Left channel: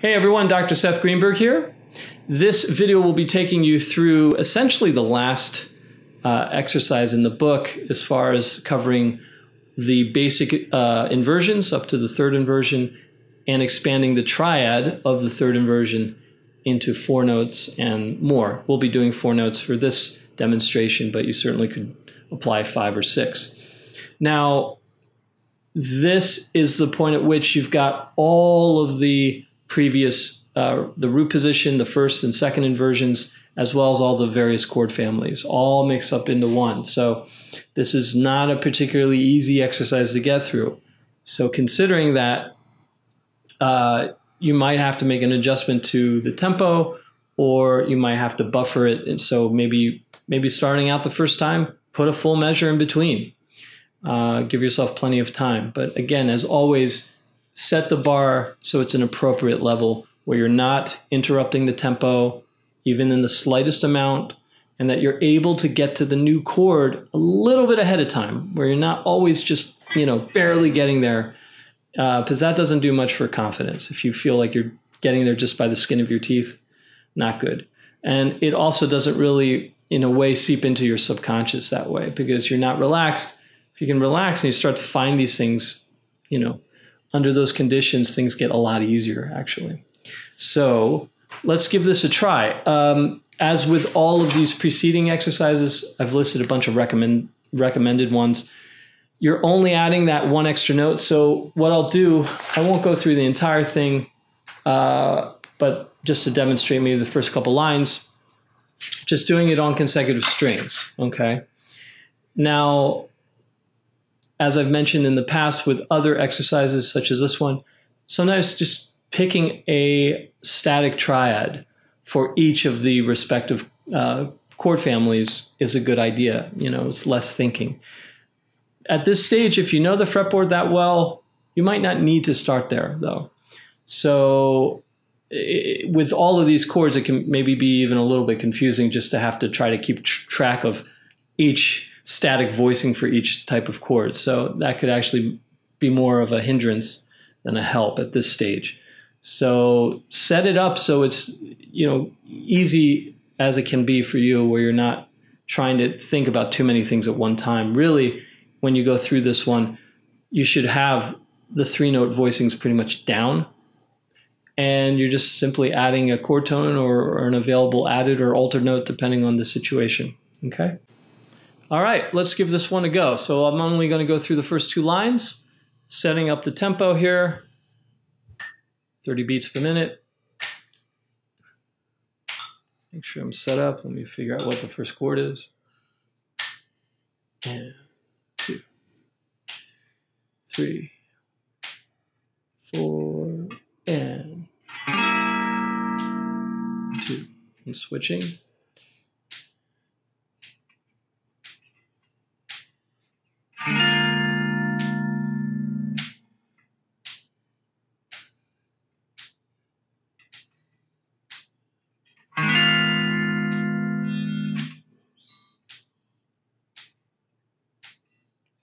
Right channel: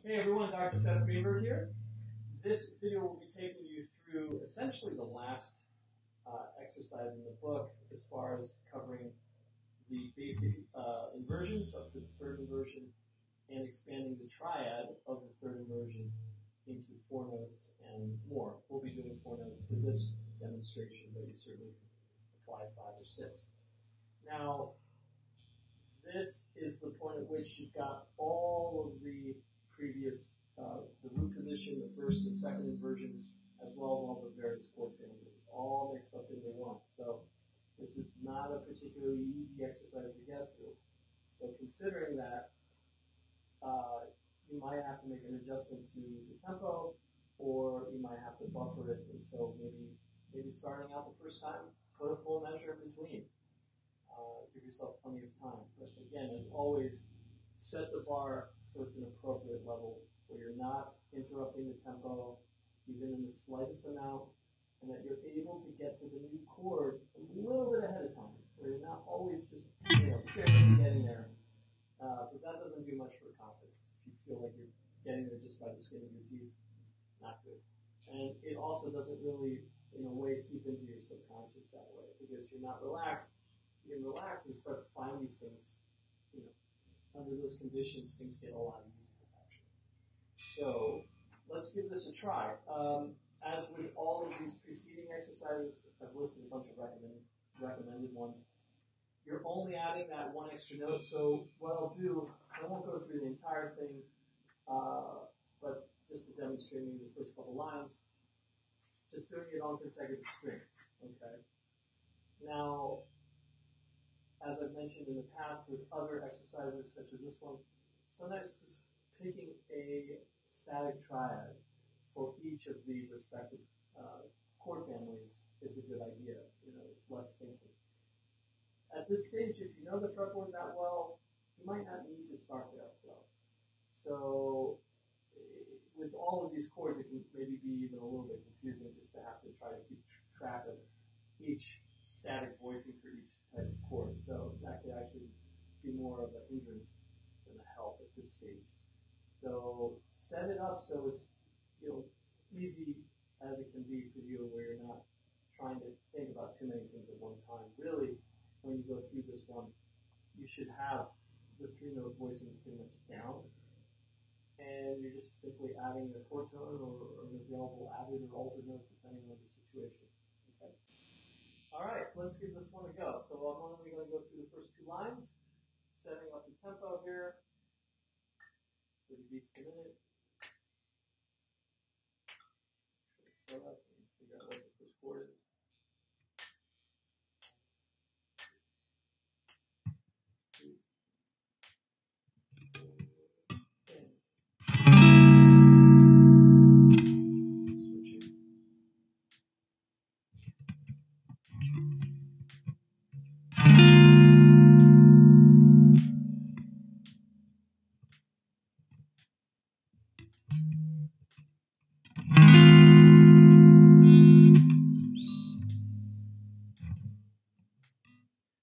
Hey everyone, Dr. Seth Greenberg here. This video will be taking you through essentially the last exercise in the book as far as covering the basic inversions up to the third inversion and expanding the triad of the third inversion into 4 notes and more. We'll be doing 4 notes for this demonstration, but you certainly could apply 5 or 6. Now, this is the point at which you've got all of the previous, the root position, the first and second inversions, as well as all the various chord families, all mixed up into one. So this is not a particularly easy exercise to get through. So considering that, you might have to make an adjustment to the tempo, or you might have to buffer it. And so maybe starting out the first time, put a full measure in between. Give yourself plenty of time. But again, as always, set the bar so it's an appropriate level where you're not interrupting the tempo, even in the slightest amount, and that you're able to get to the new chord a little bit ahead of time, where you're not always just, barely getting there, because that doesn't do much for confidence. If you feel like you're getting there just by the skin of your teeth, not good. And it also doesn't really, in a way, seep into your subconscious that way, because you're not relaxed. If you can relax and you start to find these things, under those conditions, things get a lot easier, actually. So let's give this a try. As with all of these preceding exercises, I've listed a bunch of recommended ones. You're only adding that one extra note. So what I'll do, I won't go through the entire thing, but just to demonstrate maybe the first couple lines, just doing it on consecutive strings, okay? Now, as I've mentioned in the past with other exercises such as this one, sometimes just picking a static triad for each of the respective chord families is a good idea. It's less thinking. At this stage, if you know the fretboard that well, you might not need to start there, though. So with all of these chords, it can maybe be even a little bit confusing just to have to try to keep track of each static voicing for each type of chord. So that could actually be more of a hindrance than a help at this stage. So set it up so it's, easy as it can be for you, where you're not trying to think about too many things at one time. Really, when you go through this one, you should have the 3-note voicings pretty much down, and you're just simply adding a chord tone or an available added or altered note depending on the situation, okay? All right, let's give this one a go. So I'm only going to go through the first 2 lines, setting up the tempo here, 30 beats per minute. Make sure I'm set up. Let me figure out what the first chord is. And 2, 3, 4, and 2. I'm switching.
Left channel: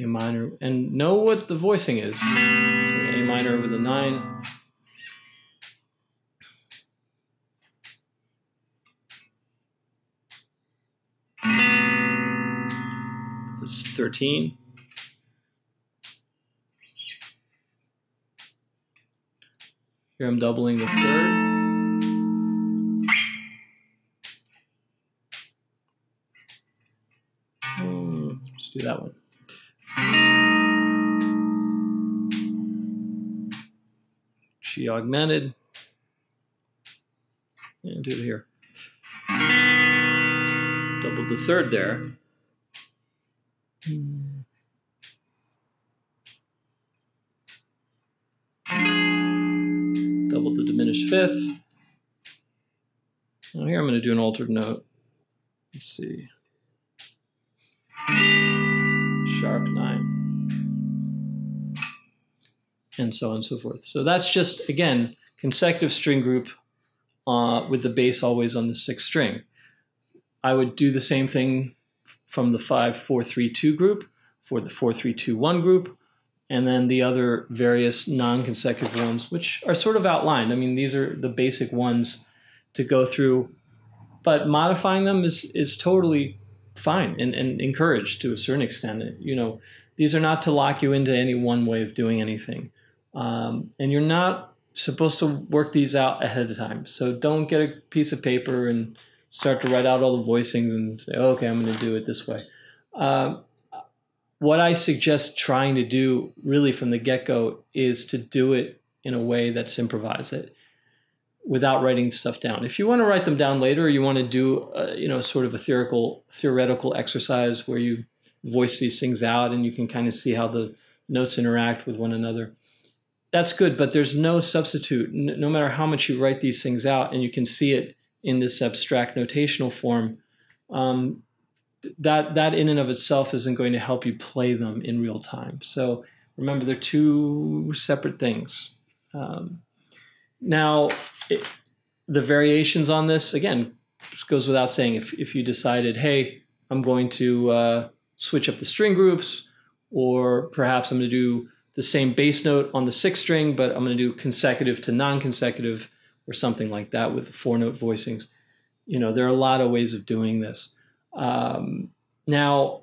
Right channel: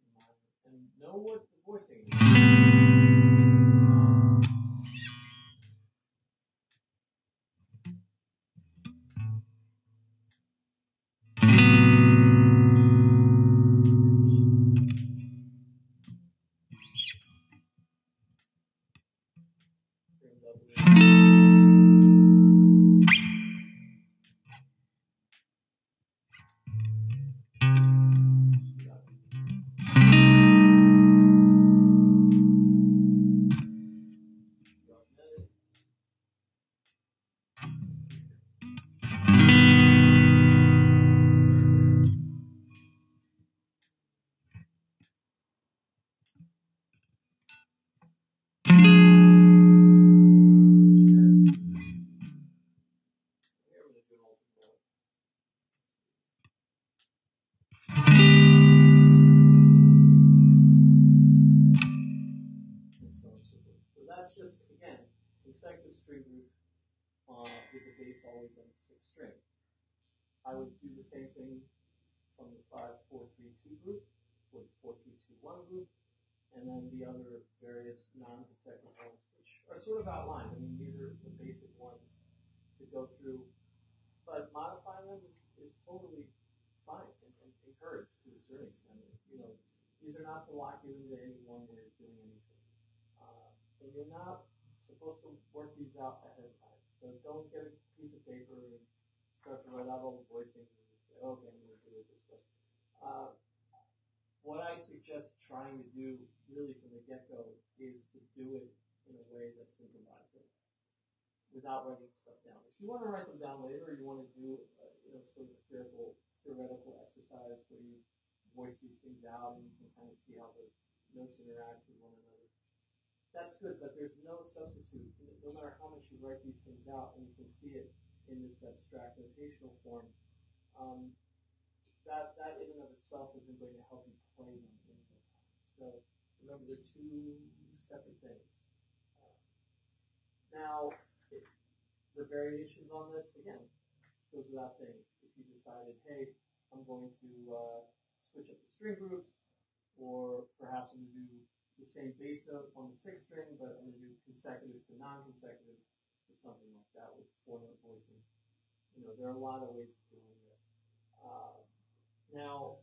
A minor, and know what the voicing is. So A minor with a 9. This is 13. Here I'm doubling the 3rd. Let's do that one. G augmented, and do it here. Doubled the 3rd there. Doubled the diminished 5th. Now here I'm going to do an altered note. Let's see. Sharp 9. And so on and so forth. So that's just, again, consecutive string group with the bass always on the 6th string. I would do the same thing from the 5-4-3-2 group for the 4-3-2-1 group, and then the other various non-consecutive ones, which are sort of outlined. I mean, these are the basic ones to go through, but modifying them is totally fine and encouraged to a certain extent. You know, these are not to lock you into any one way of doing anything. And you're not supposed to work these out ahead of time. So don't get a piece of paper and start to write out all the voicings and say, oh, okay, I'm going to do it this way. What I suggest trying to do really from the get-go is to do it in a way that's improvised, it without writing stuff down. If you want to write them down later, or you want to do you know, sort of a theoretical exercise where you voice these things out and you can kind of see how the notes interact with one another, that's good, but there's no substitute. No matter how much you write these things out and you can see it in this abstract notational form, that in and of itself isn't going to help you play them in real time. So remember, they're two separate things. Now, the variations on this, again, just goes without saying. If you decided, hey, I'm going to switch up the string groups, or perhaps I'm going to do the same bass note on the 6th string, but I'm going to do consecutive to non-consecutive, or something like that with 4-note voicings. You know, there are a lot of ways of doing this. Now,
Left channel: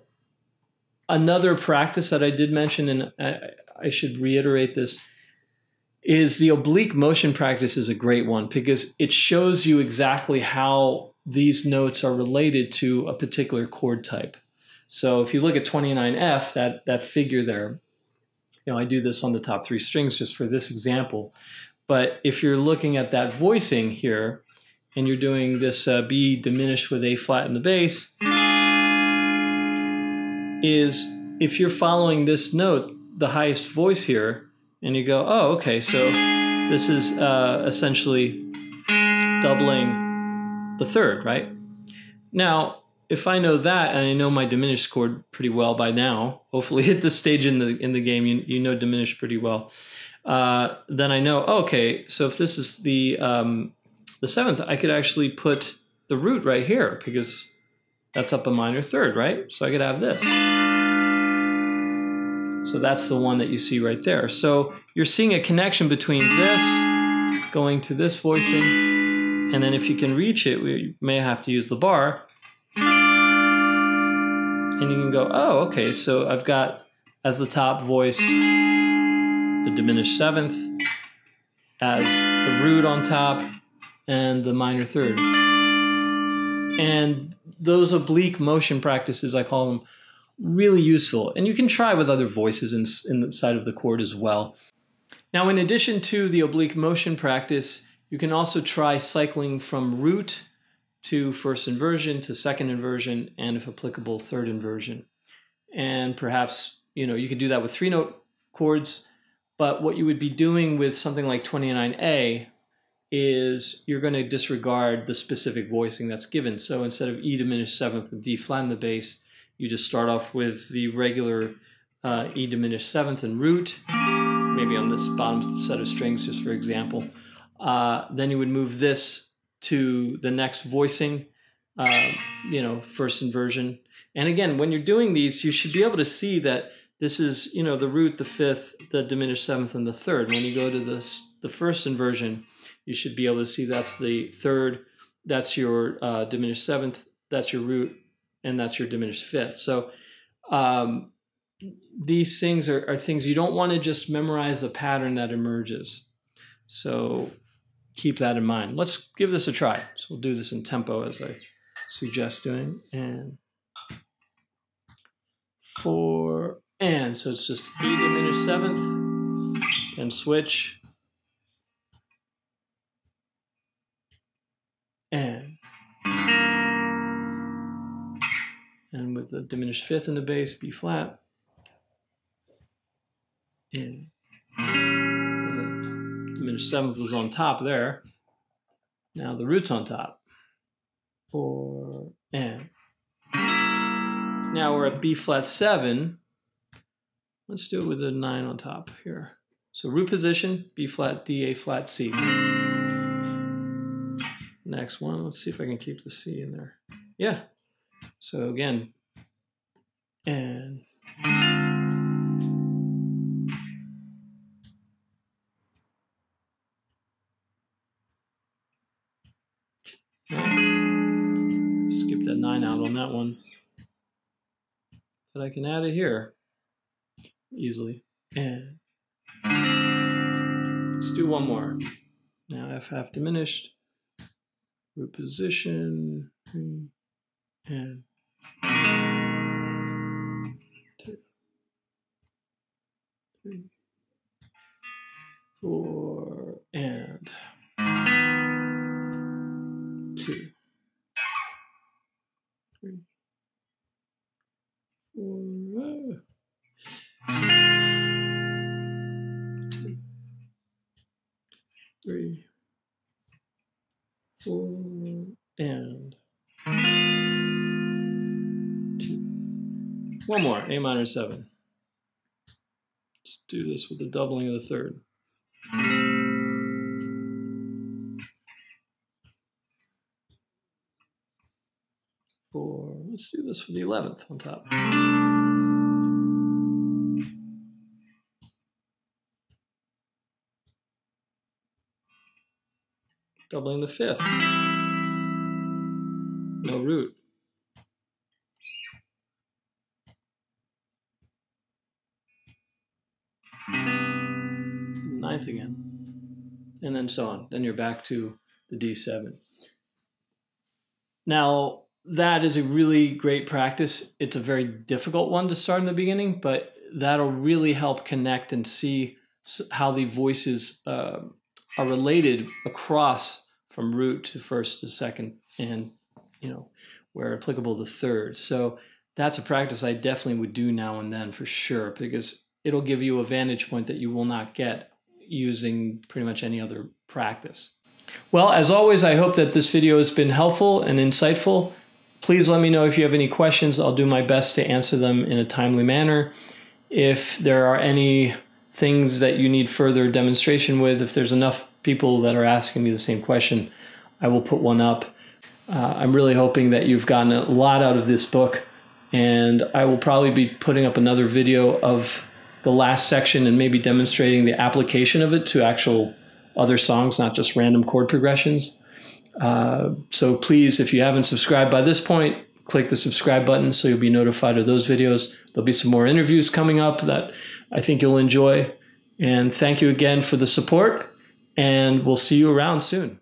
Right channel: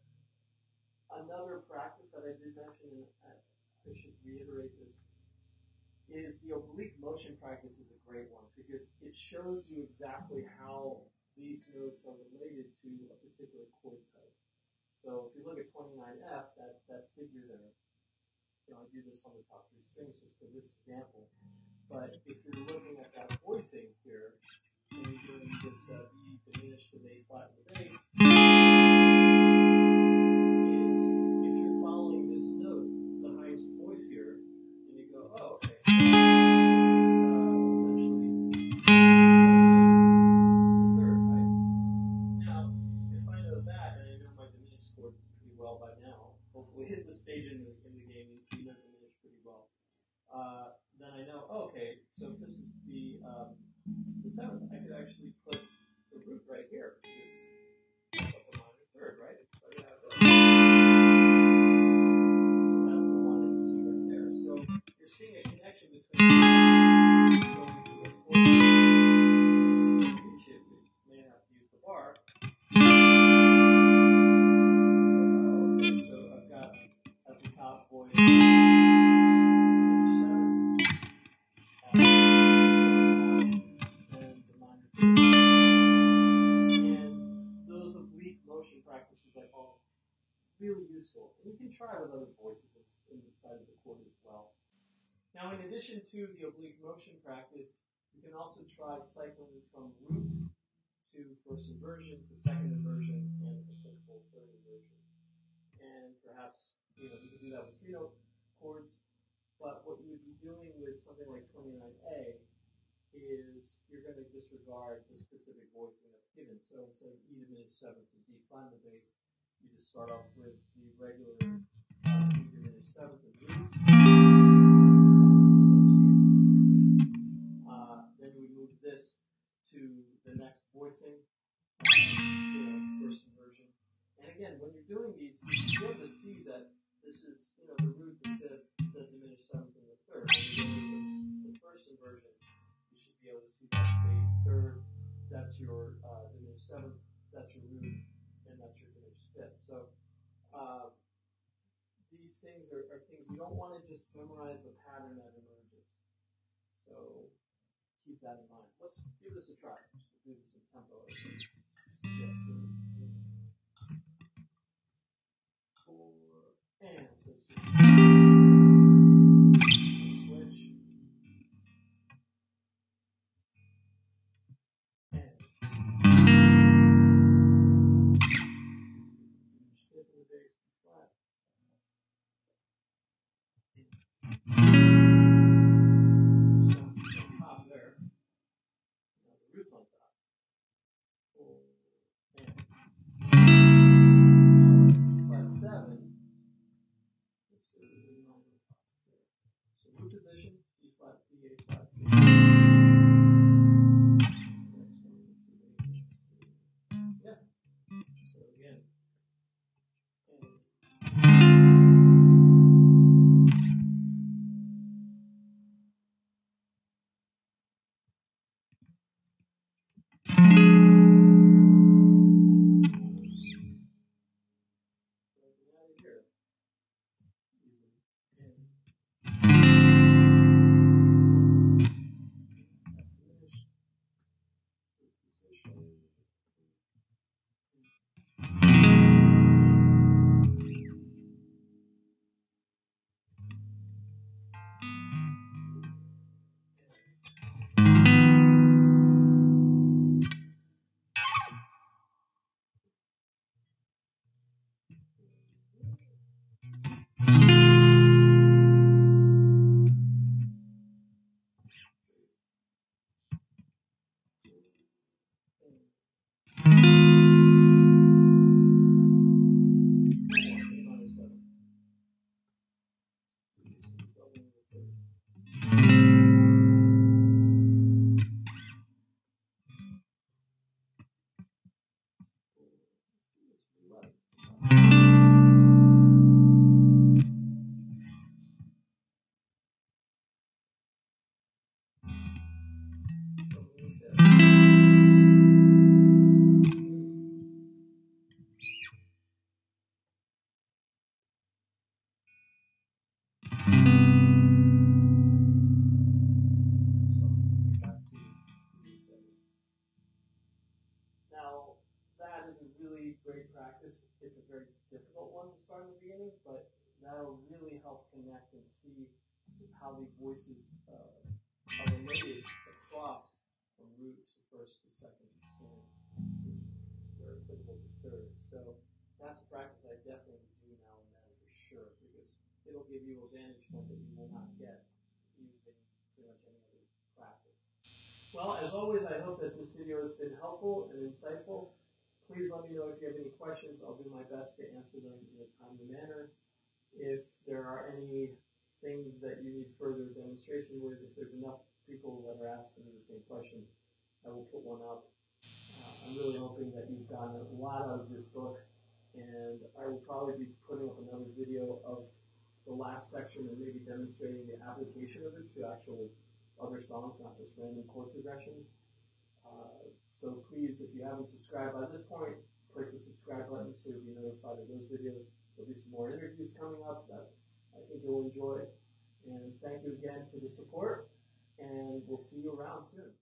another practice that I did mention, and I should reiterate this, is the oblique motion practice is a great one because it shows you exactly how these notes are related to a particular chord type. So if you look at 29F, that figure there, you know, I do this on the top 3 strings just for this example. But if you're looking at that voicing here, and you're doing this B diminished with A flat in the bass, is if you're following this note, the highest voice here, and you go, oh, okay, so this is essentially doubling the 3rd, right? Now, if I know that, and I know my diminished chord pretty well by now, hopefully at this stage in the game, you know diminished pretty well. Then I know, okay, so if this is the 7th, I could actually put the root right here because that's up a minor 3rd, right? So I could have this. So that's the one that you see right there. So you're seeing a connection between this going to this voicing, and then if you can reach it, we may have to use the bar. And you can go, oh, okay, so I've got as the top voice the diminished 7th, as the root on top, and the minor 3rd. And those oblique motion practices, I call them, really useful. And you can try with other voices inside of the chord as well. Now, in addition to the oblique motion practice, you can also try cycling from root to 1st inversion to 2nd inversion, and if applicable, 3rd inversion. And perhaps, you know, you could do that with 3-note chords, but what you would be doing with something like 29A is you're going to disregard the specific voicing that's given. So instead of E diminished 7th with D flat in the bass, you just start off with the regular E diminished 7th and root, maybe on this bottom set of strings, just for example. Then you would move this to the next voicing, you know, 1st inversion. And again, when you're doing these, you should be able to see that this is, you know, the root, the 5th, the diminished 7th, and the 3rd. When you go to the 1st inversion, you should be able to see that's the 3rd, that's your diminished 7th, that's your root, and that's your diminished 5th. So these things are things you don't want to just memorize a pattern that emerges. So keep that in mind. Let's give this a try. So we'll do this in tempo as I suggest doing. And 4, and so it's just E diminished 7th, and switch, and with the diminished 5th in the bass, B flat, and diminished 7th was on top there. Now the root's on top. 4, and now we're at B flat 7. Let's do it with a 9 on top here. So root position, B flat, D, A flat, C. Next one, let's see if I can keep the C in there. Yeah. So again, and that one. But I can add it here easily. And let's do one more. Now F half diminished, root position, and 2, 3, 4, and 2, 3, 4, 3, 4, and 2. One more, A minor 7. Let's do this with the doubling of the third. Let's do this for the 11th on top. Doubling the 5th. No root. Ninth again. And then so on. Then you're back to the D7. Now, that is a really great practice. It's a very difficult one to start in the beginning, but that'll really help connect and see how the voices are related across from root to first to second, and where applicable the third. So that's a practice I definitely would do now and then for sure, because it'll give you a vantage point that you will not get using pretty much any other practice. Well, as always, I hope that this video has been helpful and insightful. Please let me know if you have any questions. I'll do my best to answer them in a timely manner. If there are any things that you need further demonstration with, if there's enough people that are asking me the same question, I will put one up. I'm really hoping that you've gotten a lot out of this book, and I will probably be putting up another video of the last section and maybe demonstrating the application of it to actual other songs, not just random chord progressions. So please, if you haven't subscribed by this point, click the subscribe button so you'll be notified of those videos. There'll be some more interviews coming up that I think you'll enjoy. And thank you again for the support, and we'll see you around soon.